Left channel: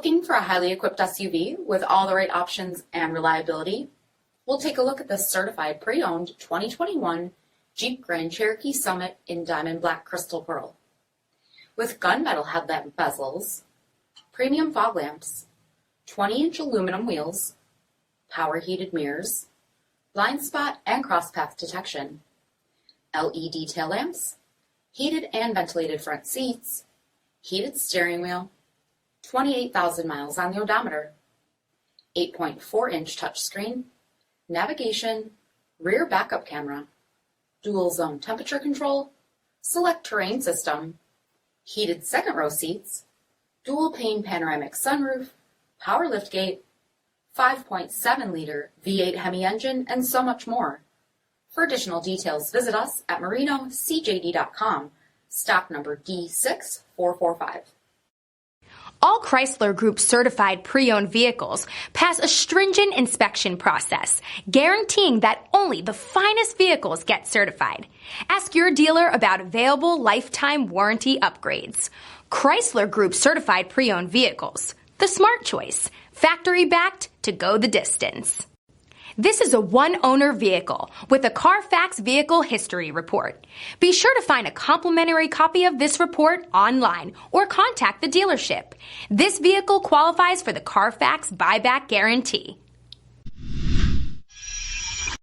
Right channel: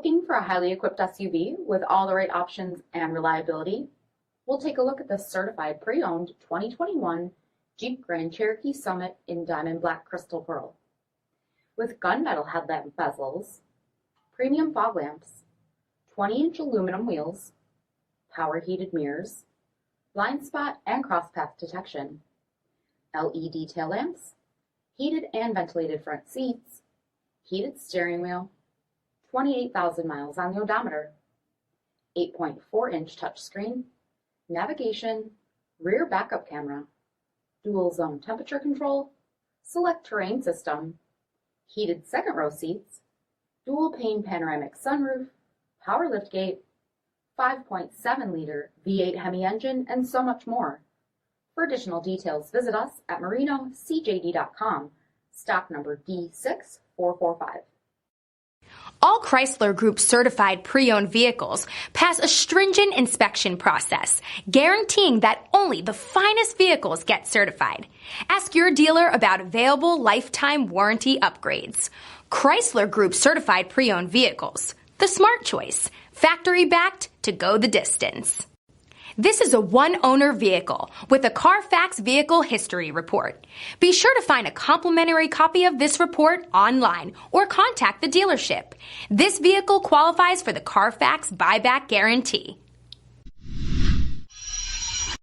Looking for a highly equipped SUV with all the right options and reliability? We'll take a look at the certified pre-owned 2021 Jeep Grand Cherokee Summit in Diamond Black Crystal Pearl. With gunmetal headlamp bezels, premium fog lamps, 20-inch aluminum wheels, power heated mirrors, blind spot and cross-path detection, LED tail lamps, heated and ventilated front seats, heated steering wheel, 28,000 miles on the odometer, 8.4-inch touchscreen, navigation, rear backup camera, dual zone temperature control, SELEC-TERRAIN system, heated second row seats, dual pane panoramic sunroof, power liftgate, 5.7-liter V8 HEMI engine, and so much more. For additional details, visit us at marinocjd.com, stock number D6445. All Chrysler Group certified pre-owned vehicles pass a stringent inspection process, guaranteeing that only the finest vehicles get certified. Ask your dealer about available lifetime warranty upgrades. Chrysler Group certified pre-owned vehicles, the smart choice, factory backed to go the distance. This is a one-owner vehicle with a CARFAX vehicle history report. Be sure to find a complimentary copy of this report online or contact the dealership. This vehicle qualifies for the CARFAX buyback guarantee.